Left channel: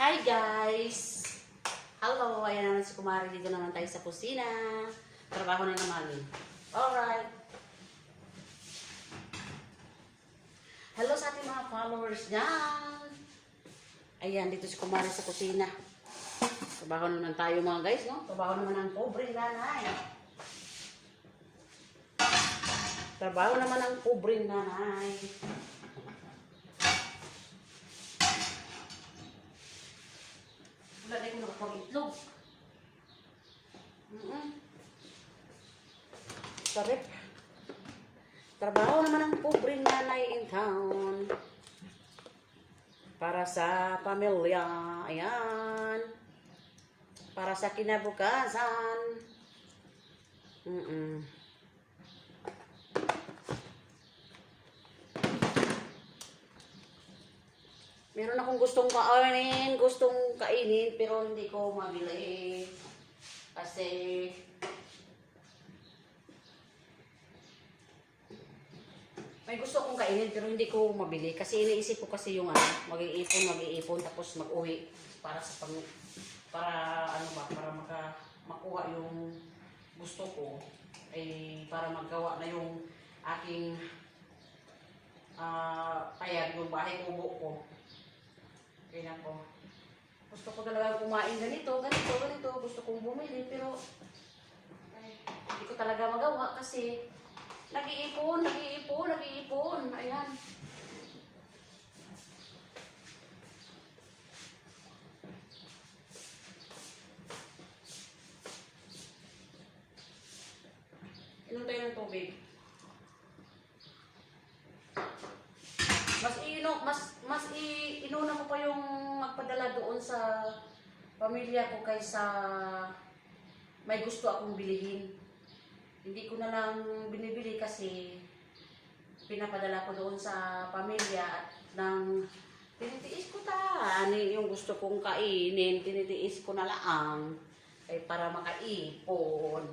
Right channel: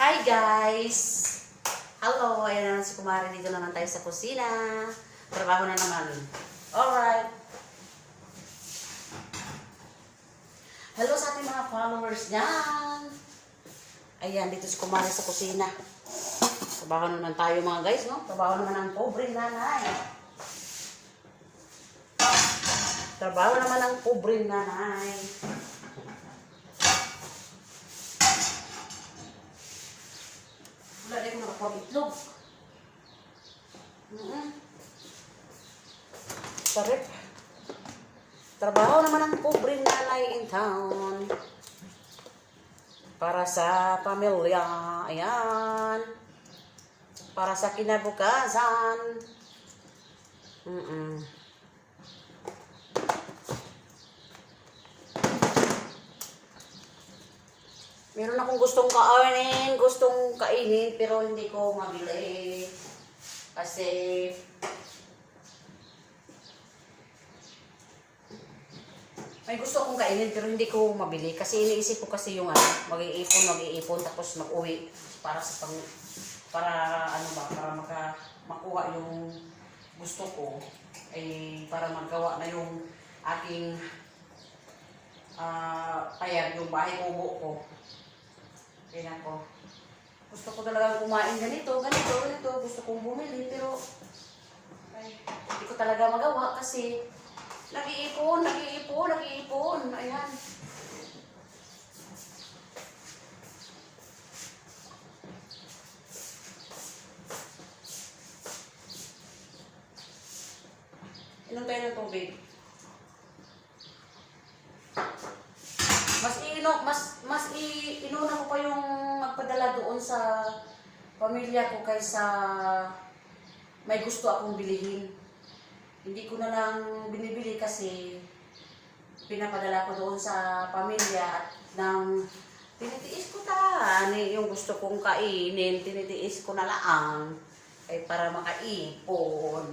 Hi guys! Hello! Ayan na naman si Kumari. Dito naman tayo sa kusina. Trabaho na naman. Alright. Hello sa ating mga followers dyan. Ayan, dito si Kumari sa kusina. Trabaho naman tayo mga guys, no? Trabaho naman ang pobreng nanay. Trabaho naman ang pobreng nanay. Wala rin ko nakakuha itlog. Sarap. Trabaho naman ang pobreng nanay in town. Para sa pamilya. Ayan. Para sa kinabukasan. Meron akong gustong kainin, pero hindi ko mabili. Kasi may gusto akong kainin, pero hindi ko mabili. Kasi iniisip ko kasi yung mag-iipon, tapos mag-uwi para makuha yung gusto ko. Para magawa na yung aking payag, yung bahay kubo ko. Kaya po. Gusto ko talagang kumain ganito. Gusto kong bumili, pero hindi ko talaga magawa kasi nag-iipon. Ayan. Inom tayo ng tubig. Inuna ko pa yung magpadala doon sa pamilya ko kaysa may gusto akong bilihin. Hindi ko na lang binibili kasi pinapadala ko doon sa pamilya at nang tinitiis ko yung gusto kong kainin, tinitiis ko na lang para makaipon.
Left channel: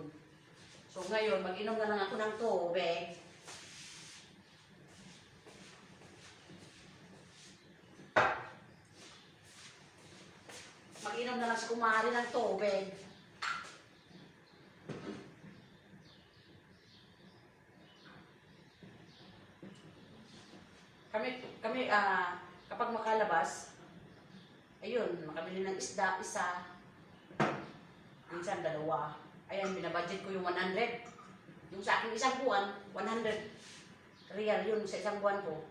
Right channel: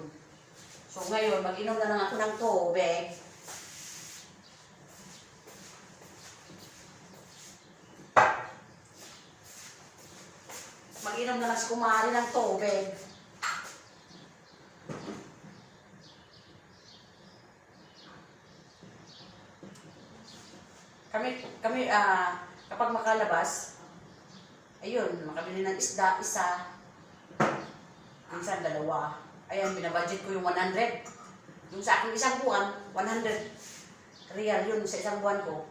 So ngayon, mag-inom na lang ako ng tubig. Mag-inom na lang si Kumari ng tubig. Kami kapag makalabas, ayun, makabili ng isda, isa, minsan dalawa. Ayan, binabudget ko yung 100. Yung sa aking isang buwan, 100 real yun sa isang buwan ko.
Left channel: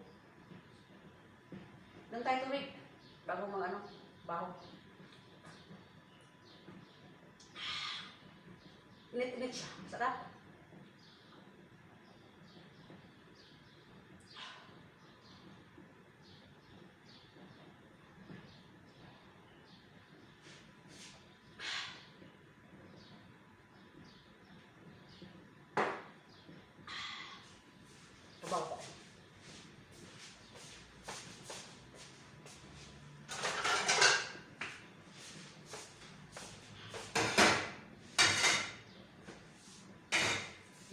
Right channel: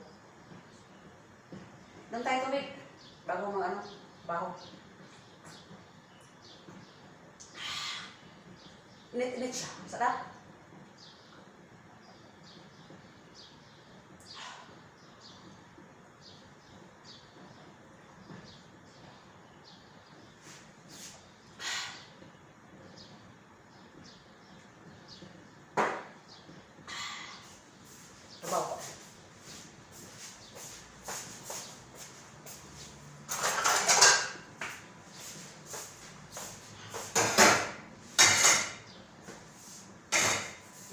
Nang tayo tubig, bago baho. Init siya. Sarap. Trabaho.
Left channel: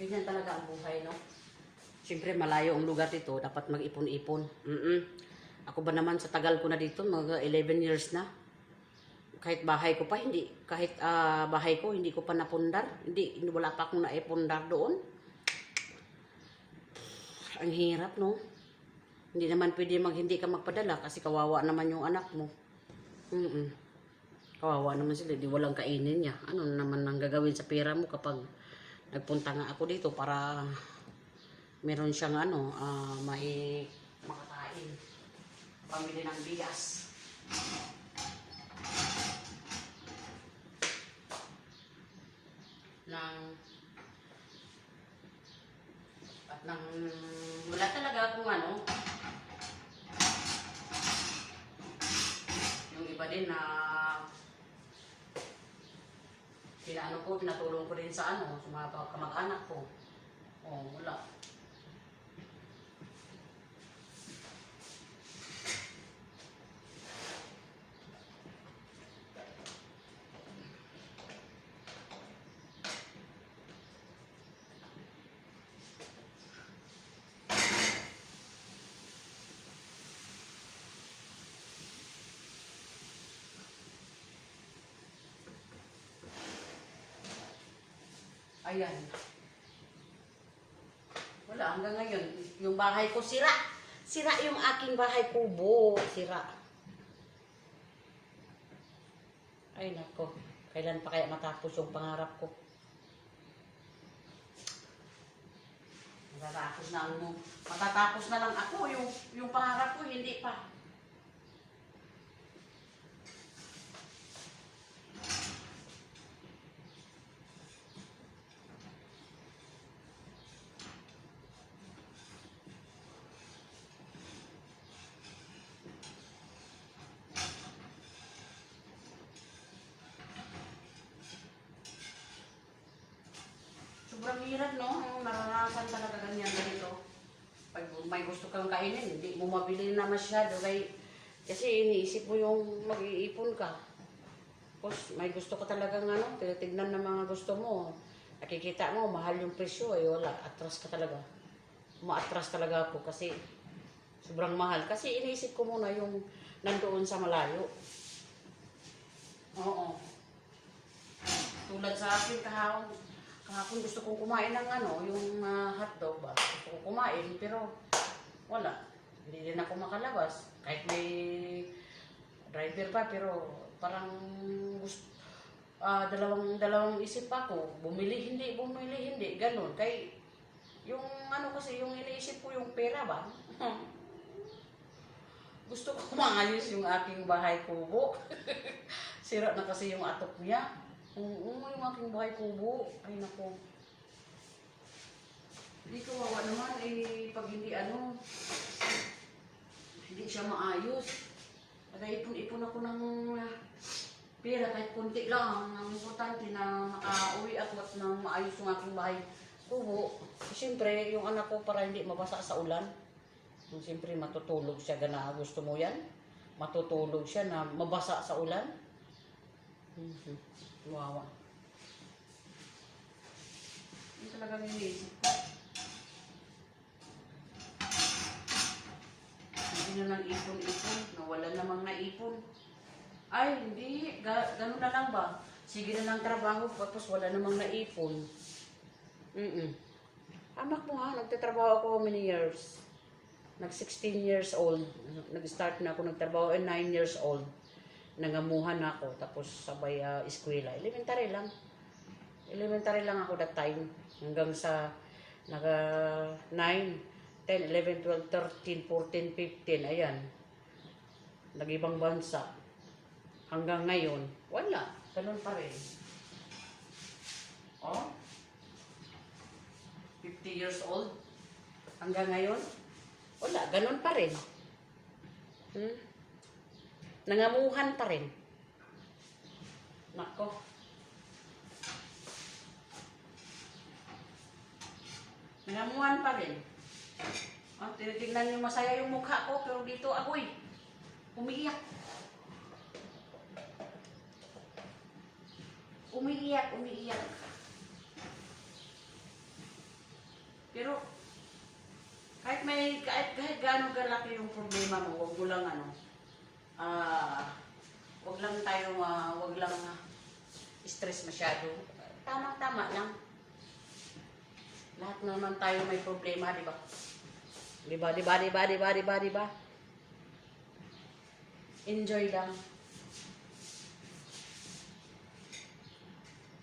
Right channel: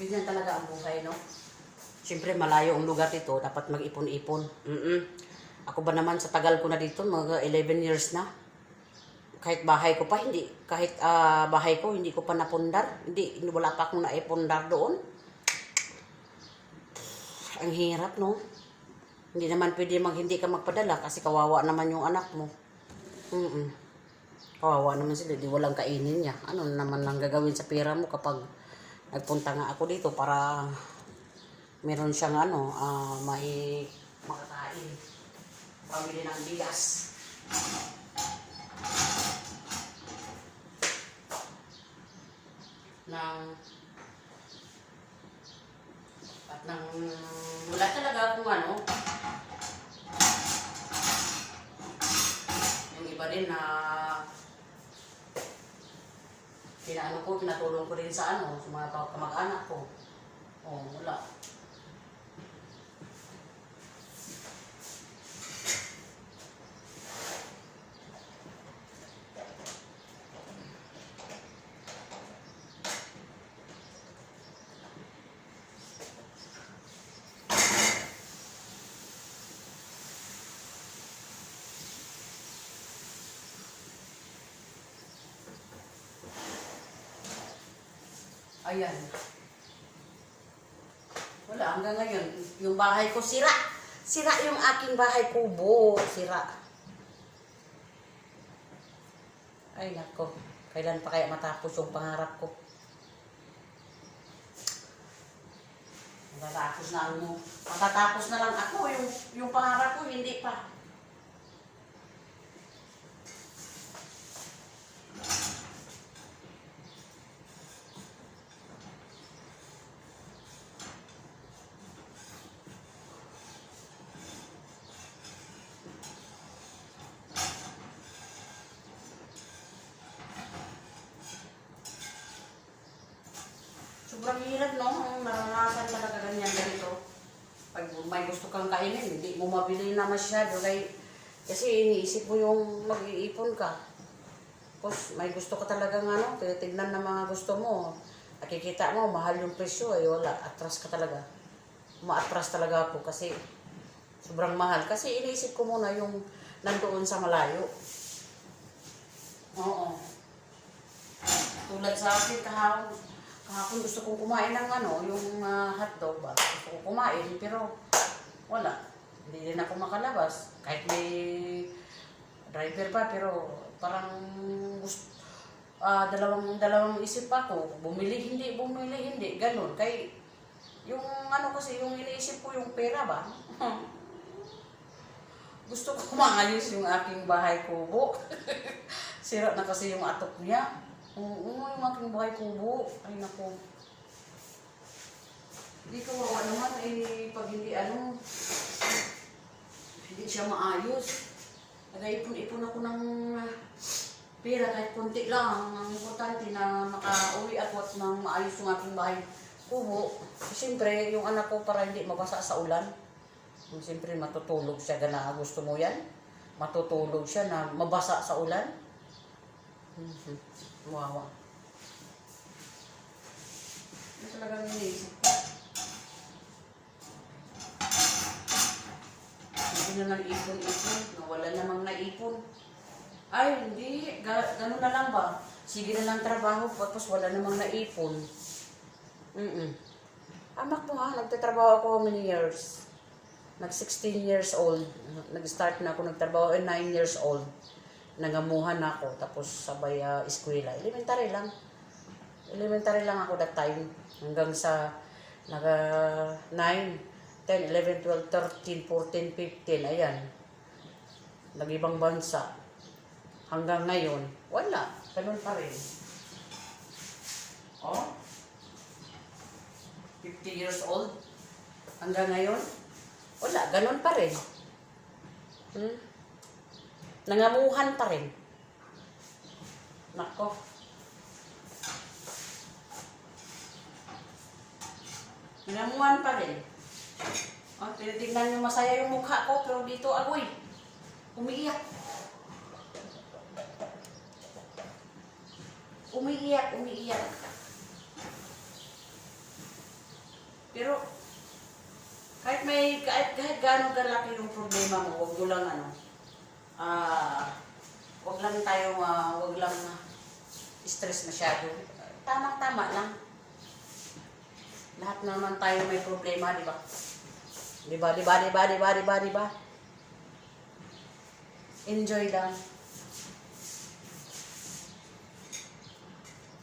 Ganyan talaga ang buhay, no? Siyempre, malayo ang lugar dito. Dapat mag-ipon-ipon. Ako ba naman, sa tagal ko na dito, mga 11 years na. Kahit bahay ko pa, hindi ko pa napundar. Wala pa akong naipundar doon. Ang hirap, no? Hindi naman pwede hindi ka magpadala kasi kawawa naman yung anak mo. Kawawa naman sila, di walang kainin niya. Ano naman ang gagawin sa pera mo kapag nagpunta nga ako dito para meron siyang may makakain. Pamili ng bigas. Wala talaga akong yung iba din na pinatulong ko rin sa mga kamag-anak ko. Wala. Ayan. Wala, hanggang ngayon, yung bahay ko sira. Sira yung aking bahay kubo. Sira. Ay, nako. Kailan pa kaya matapos yung pangarap ko? Matatapos na ano. Matatapos na lang ako. Yung pangarap ko, hindi pa. Sobrang hirap, no? Naranasan ka na ganyan ganito. Pag may gusto kang kainin, hindi mo mabili na masyado. Kasi iniisip mo yung mag-iipon ka. Tapos may gusto ka talagang ano, tinitignan ng mga gusto mo. Nakikita mo, mahal yung presyo. Ay wala, atras ka talaga. Umaatras talaga ako kasi sobrang mahal. Kasi iniisip ko muna yung nandoon sa malayo. Oo. Tulad sa akin, kahapon gusto kong kumain ng ano, yung hotdog ba? Gusto kong kumain, pero wala. Hindi din ako makalabas. Kahit may driver pa, pero parang gusto, dalawang isip ako. Bumili, hindi. Ganun. Kaya yung ano kasi, yung iniisip ko yung pera ba? Gusto ko maayos yung aking bahay kubo. Sira na kasi yung atok niya. Oo, yung aking bahay kubo. Ay, naku. Hindi kawawa naman, pag hindi hindi siya maayos. Nag-ipon-ipon ako ng pera, kahit kunti lang. Ang importante na makauwi ako at na maayos yung aking bahay kubo. Siyempre, yung anak ko para hindi mabasa sa ulan. Siyempre, matutulog siya. Gana, gusto mo yan? Matutulog siya na mabasa sa ulan. Wow. Ano talagang iniisip ko? Hindi na nang ipon-ipon. Nawala namang naipon. Ay, hindi. Ganun na lang ba? Sige na lang trabaho. Tapos wala namang naipon. Amak mo ha, nagtatrabaho ako how many years? Nag-16 years old. Nag-start na ako nagtrabaho at 9 years old. Nangamuhan na ako, tapos sabay eskwela. Elementary lang. Elementary lang ako that time. Hanggang sa 9, 10, 11, 12, 13, 14, 15. Ayan. Nag-ibang bansa. Hanggang ngayon, wala. Ganun pa rin. Oh? 50 years old. Hanggang ngayon, wala. Ganun pa rin. Nangamuhan pa rin. Nako. Nangamuhan pa rin. O, tinitignan nyo masaya yung mukha ko, pero dito agoy. Umiiyak. Umiiyak. Pero, kahit gaano kalaki yung problema mo, wag mo lang wag lang stress masyado. Tama-tama lang. Lahat naman tayo may problema, di ba? Di ba? Enjoy lang.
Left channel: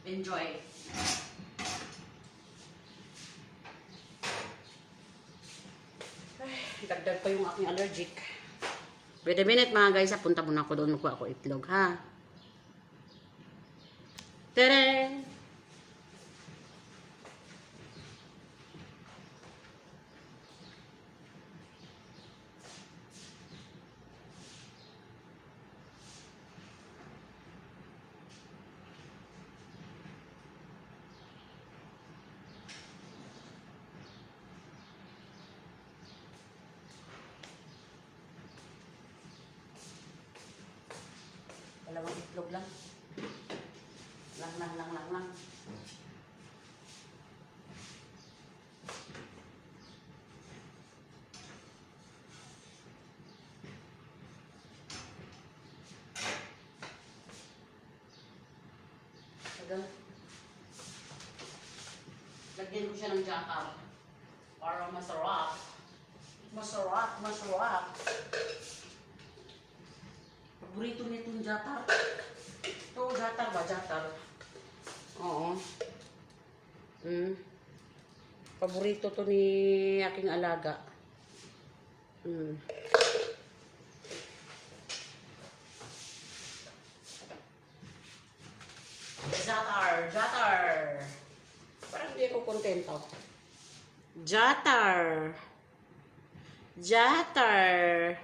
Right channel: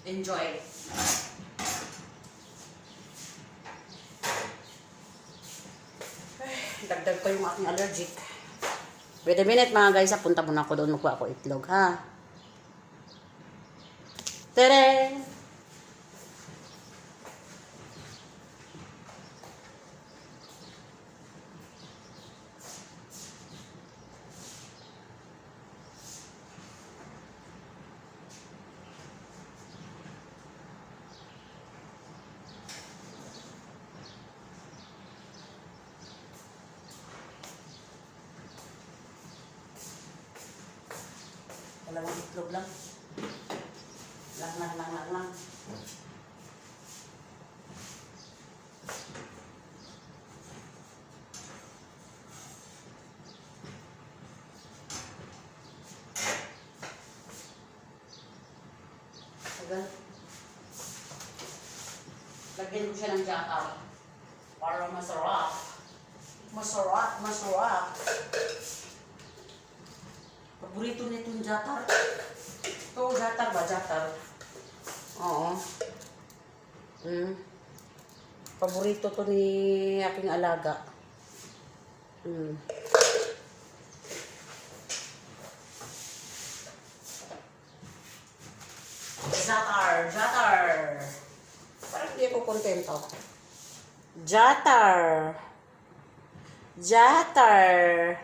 Enjoy. Ay, dagdag pa yung aking allergic. Wait a minute mga guys, punta muna ako doon, magkuha ako itlog ha. Tadang! Dalawang itlog lang. Lang. Tagal. siya ng jackal. Para masarap. Masarap, masarap. Paborito niya itong jatar. Ito, jatar ba? Jatar. Oo. Paborito to ni aking alaga. Jatar, jatar. Parang hindi ako kontento. Jatar. Jatar.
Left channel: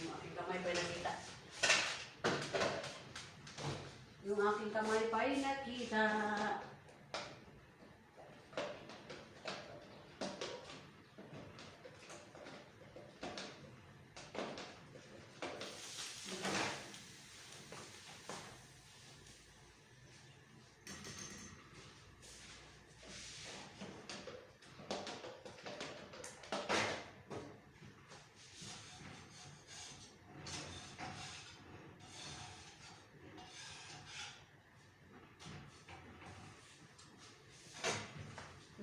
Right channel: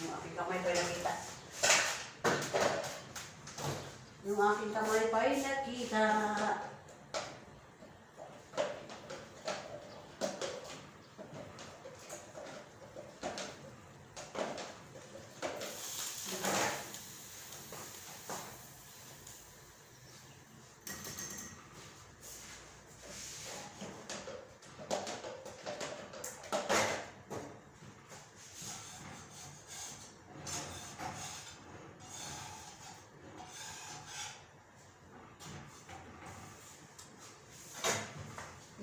Yung aking kamay pa nakita. Yung aking kamay pa nakita.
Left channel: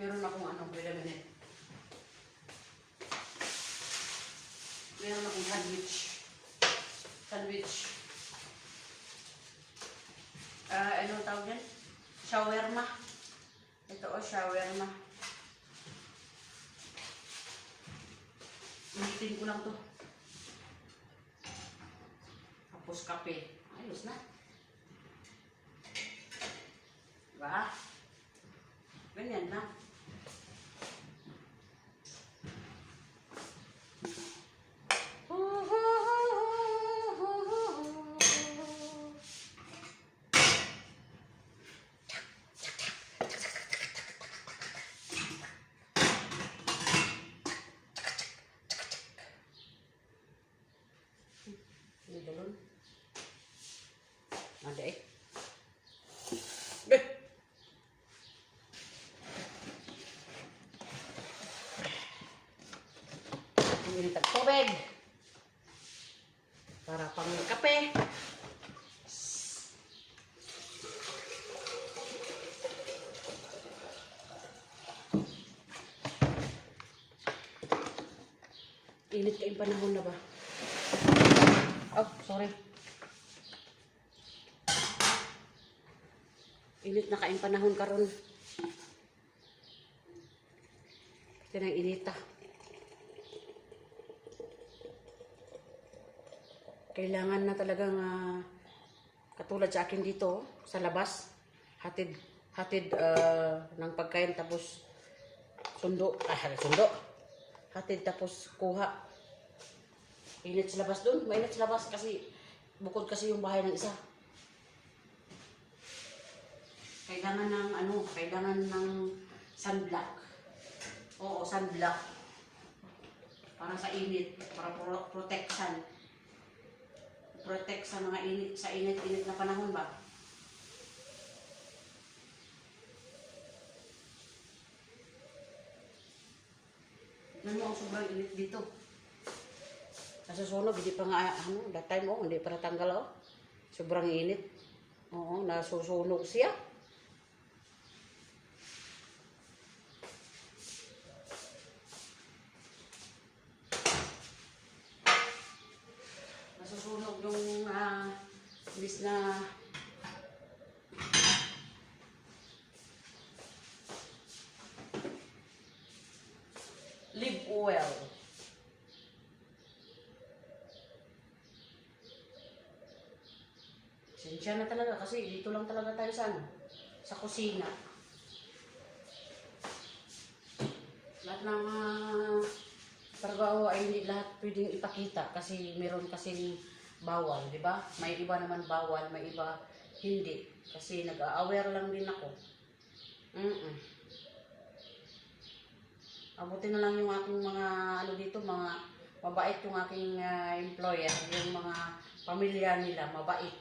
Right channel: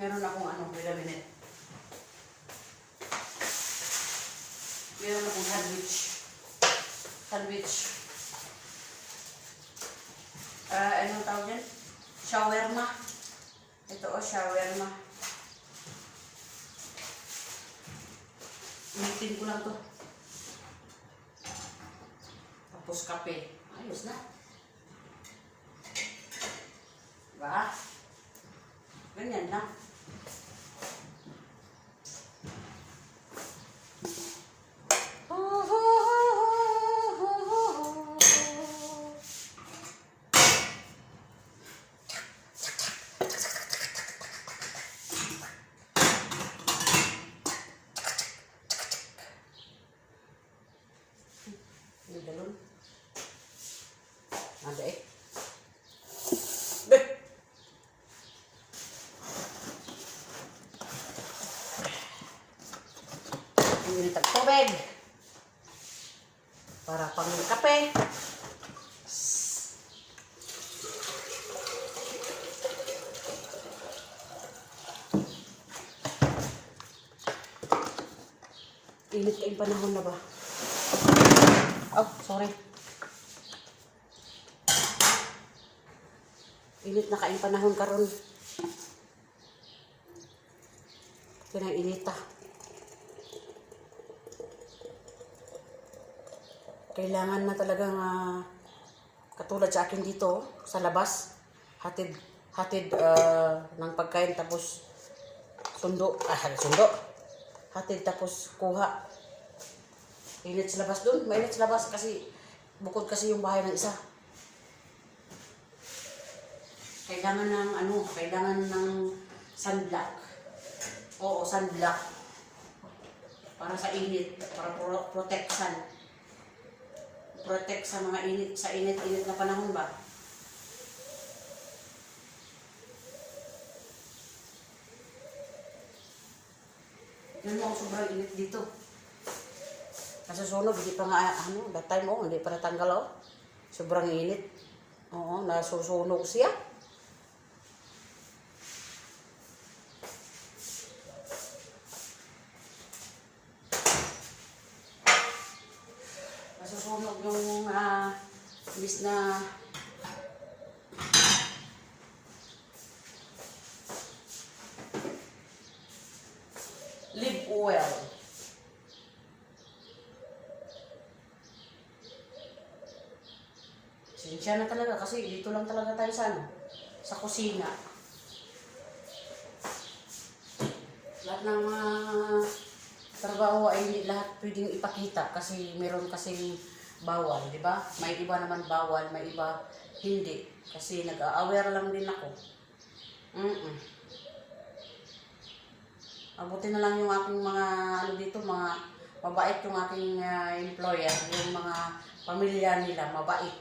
Meron akong wait a minute. Meron akong sandwich. Anong tawag yan? Shawarma. Ito shawarma. Initin ko lang to. Tapos kape. Ayos na. Diba? Ganyan lang. Ada Hindi na tubig. Para pang kape. Init kayong panahon na ba? Oh, sorry. Init na kaing panahon karon. Tinang inita. Kailangan na talagang katulad sa akin dito sa labas, hatid ng pagkain tapos sundo. Hatid tapos kuha. Init sa labas doon. Mainit sa labas kasi bukod kasi yung bahay ng isa. Kailangan ng sunblock. Oo, sunblock. Para sa init, para protection. Protect sa mga init na panahon ba? Yan mo, sobrang init dito. Nasusunog, hindi pa nga, that time, hindi pa natanggal, Sobrang init. Oo, nasusunog siya. Nasusunog yung, imbis na live oil. Sinsya na talaga kasi dito lang talaga tayo sa kusina. Lahat ng trabaho ay hindi lahat pwedeng ipakita kasi meron kasing bawal, di ba? May iba naman bawal, may iba hindi. Kasi nag-a-aware lang din ako. Mabuti na lang yung aking mga dito, mga mabait yung aking employer, yung mga pamilya nila, mabait.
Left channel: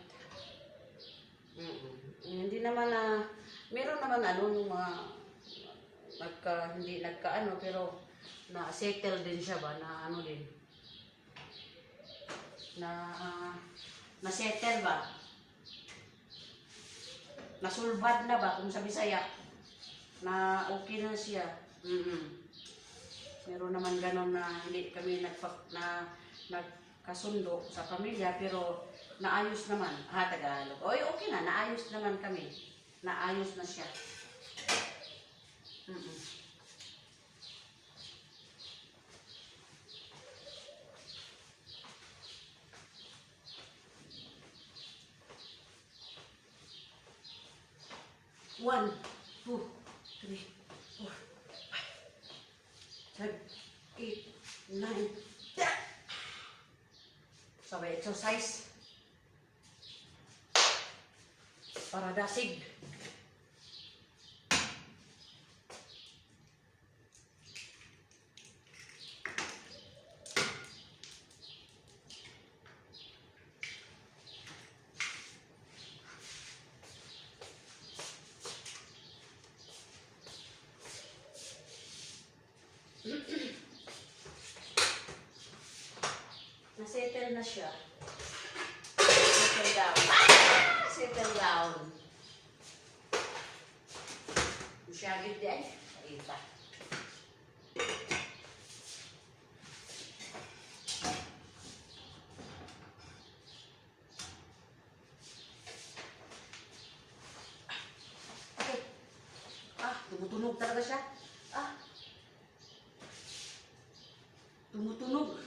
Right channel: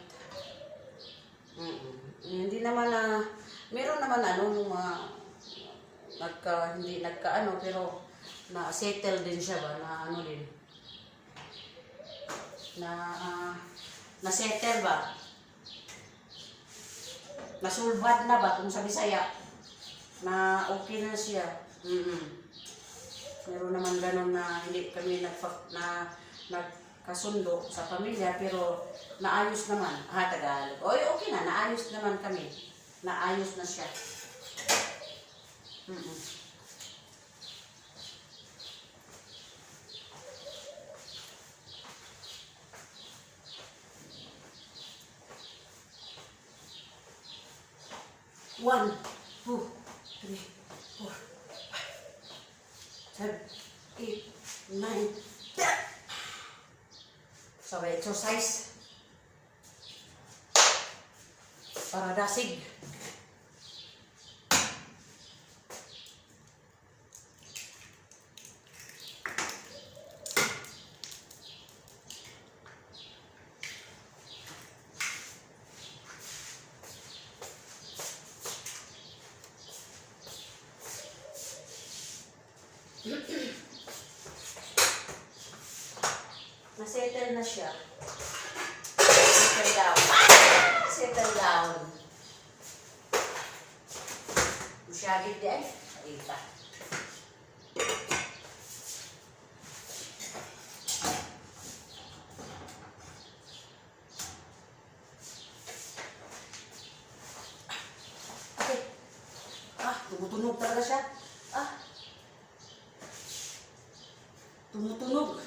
Hindi naman meron naman yung mga hindi pero na-settle din siya ba, na-settle ba? nasulbad na ba kung sa Bisaya na okay na siya. Meron naman ganun na hindi kami nagkasundo sa pamilya pero naayos naman. Tagalog. Oy, okay na, naayos naman kami. Naayos na siya. One, two, three, four, 7, 8, 9, 10. So, exercise. Para dasig. Nasettle na siya. Settle down. Settle down. Masyagit di ay. Ita. Okay. Tumutunog talaga siya. Tumutunog.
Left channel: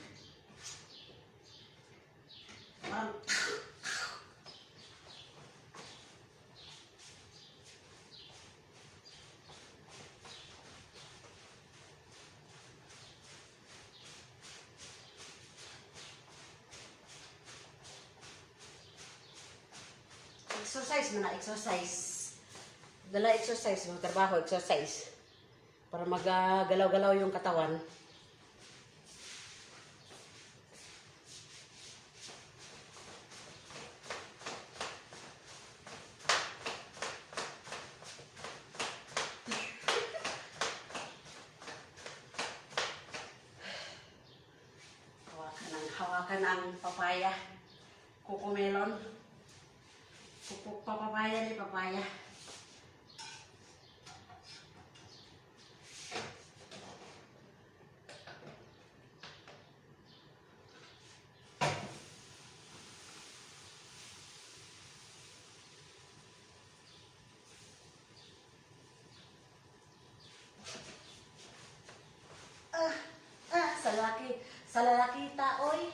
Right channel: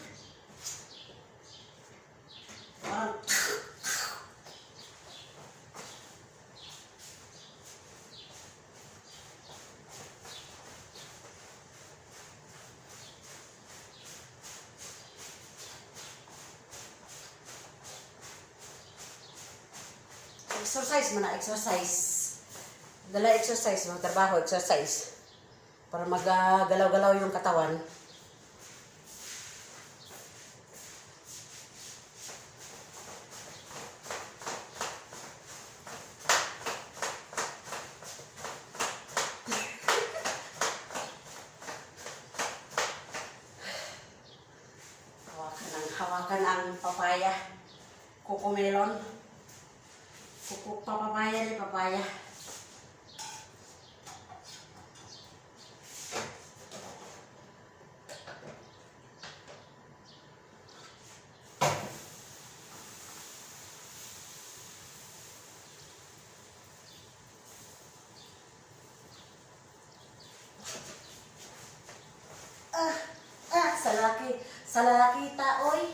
Exercise man na, exercise. Dala exercise, magtrabaho, exercise. Para magagalaw-galaw yung katawan. Hawakan ang papaya. Cocomelon. Papaya ni papaya. Sa lalaki ta, oy.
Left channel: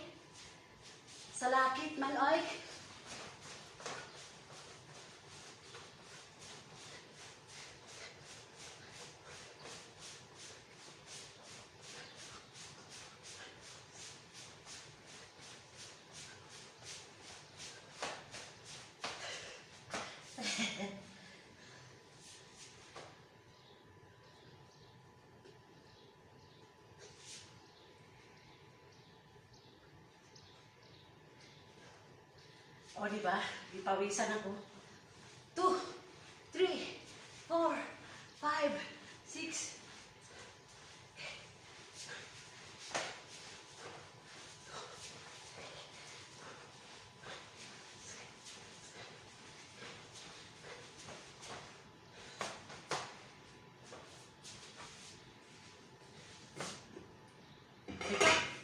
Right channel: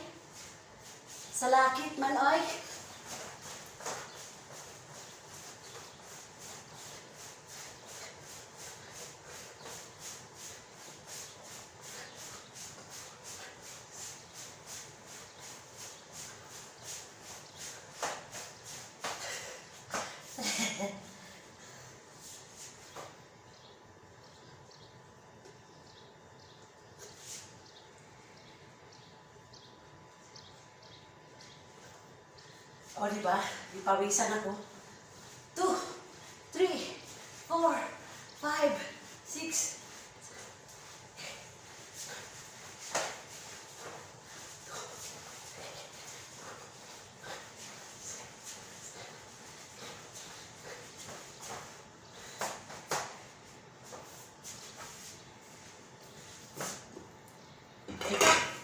Sa lakit man, oy. O, diba? Ipawisan ako. 2, 3, 4, 5, 6.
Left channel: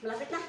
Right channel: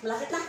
Malapit na.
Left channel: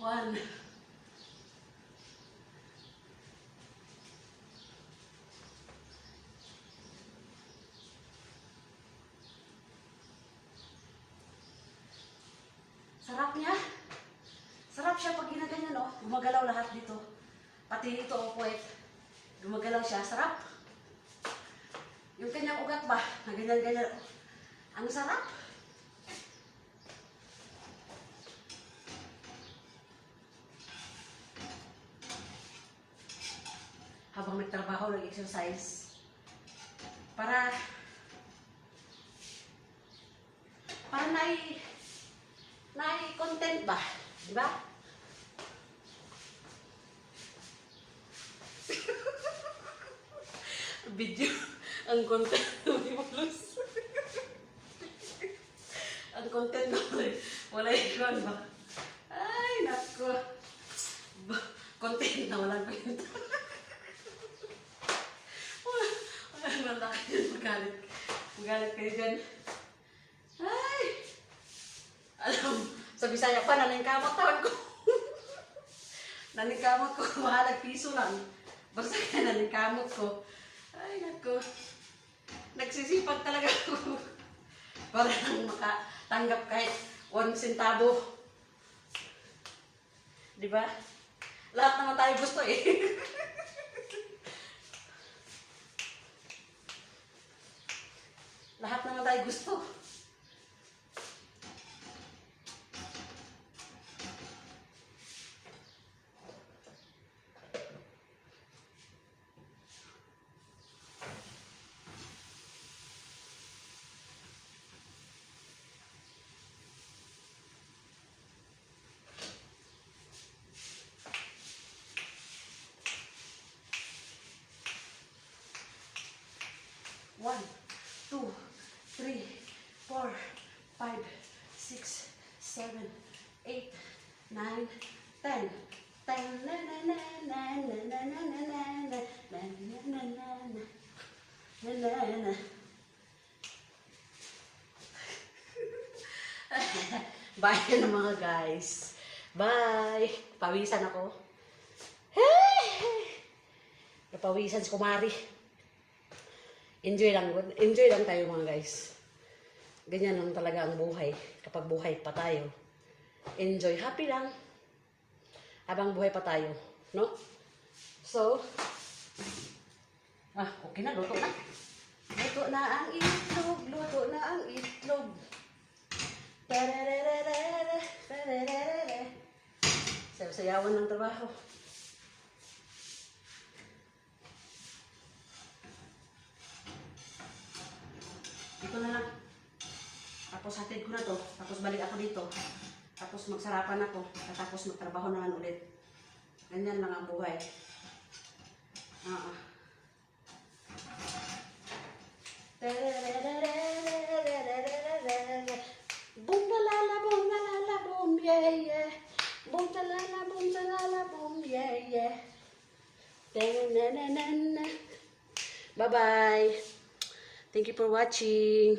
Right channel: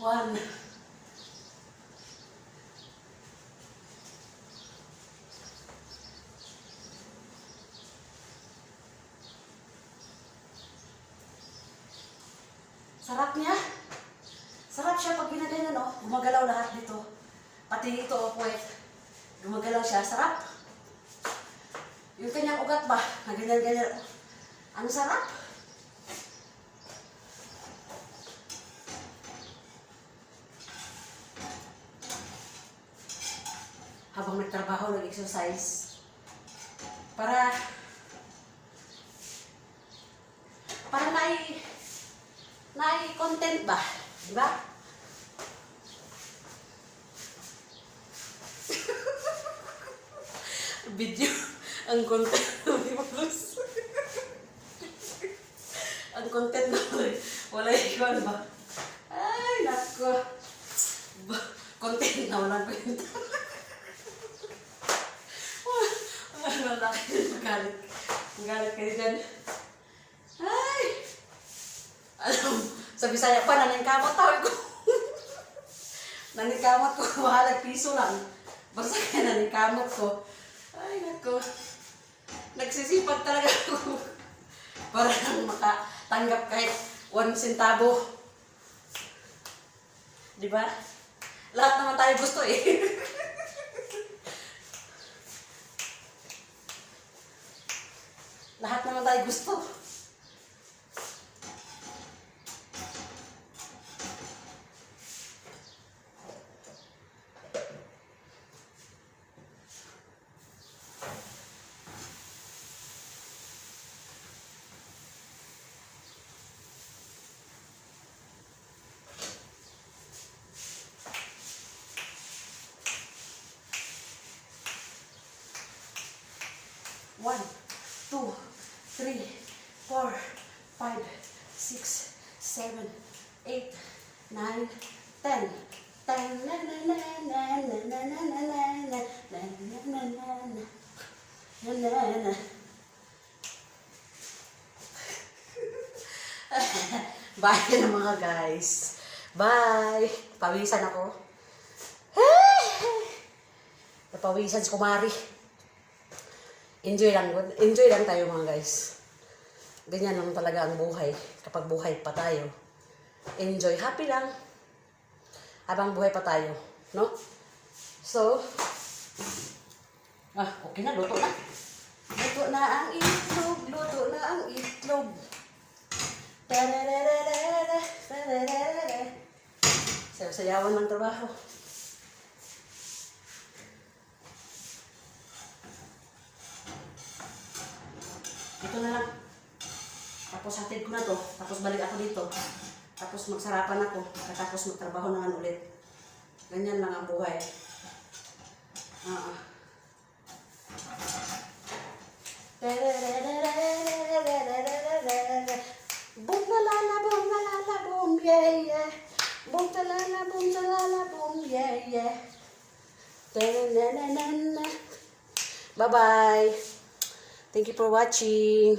One. Sarap niya. Sarap siya pag ginaganyan, no? Gumagalaw lahat dito. Pati ito, oh, puwet. Gumagalaw siya. Sarap. Yung kanyang ugat ba? Na ganyan-ganyan. Ang sarap. Habang nagtrabaho, nag-exercise. Para content ba? Diba? Video. Ang content. Ang content na wala iwan ba? Ay, nako. Content na walang kwenta. Wala na magalit. Magalit kayo dyan. Ay! Alam, sa Bisaya pa, naningkamot tawag ko. Naningkamot ko, mahalag piso lang. Basta kaya naningkamot ko. Ay, nako. Nagsisipag talaga ako. Para lang makatanggap kahit 1 centavo. Diba? Lahat naman tayo gusto eh. Lahat naman tayo gusto. One, 2, 3, 4, 5, 6, 7, 8, 9, 10. Bye na mga guys. Bye. Pawisan ako. Napawisan si Kumari. Enjoy lang tayo mga guys. Ganyan lang talaga ang buhay. Kapag buhay pa tayo, enjoy, happy lang. Habang buhay pa tayo, no? So, okay na, luto na. Luto na ang itlog, luto na ang itlog. Sayaw-sayawan ng trabaho. Ito na lang. Tapos hatid ko na to. Tapos balik ako dito. Tapos magsarapan ako. Tapos magtrabaho naman ulit. Ganyan lang ang buhay. Boom talala boom talala boom yeah yeah. Boom talala boom yeah yeah. Bye bye. Thank you for watching.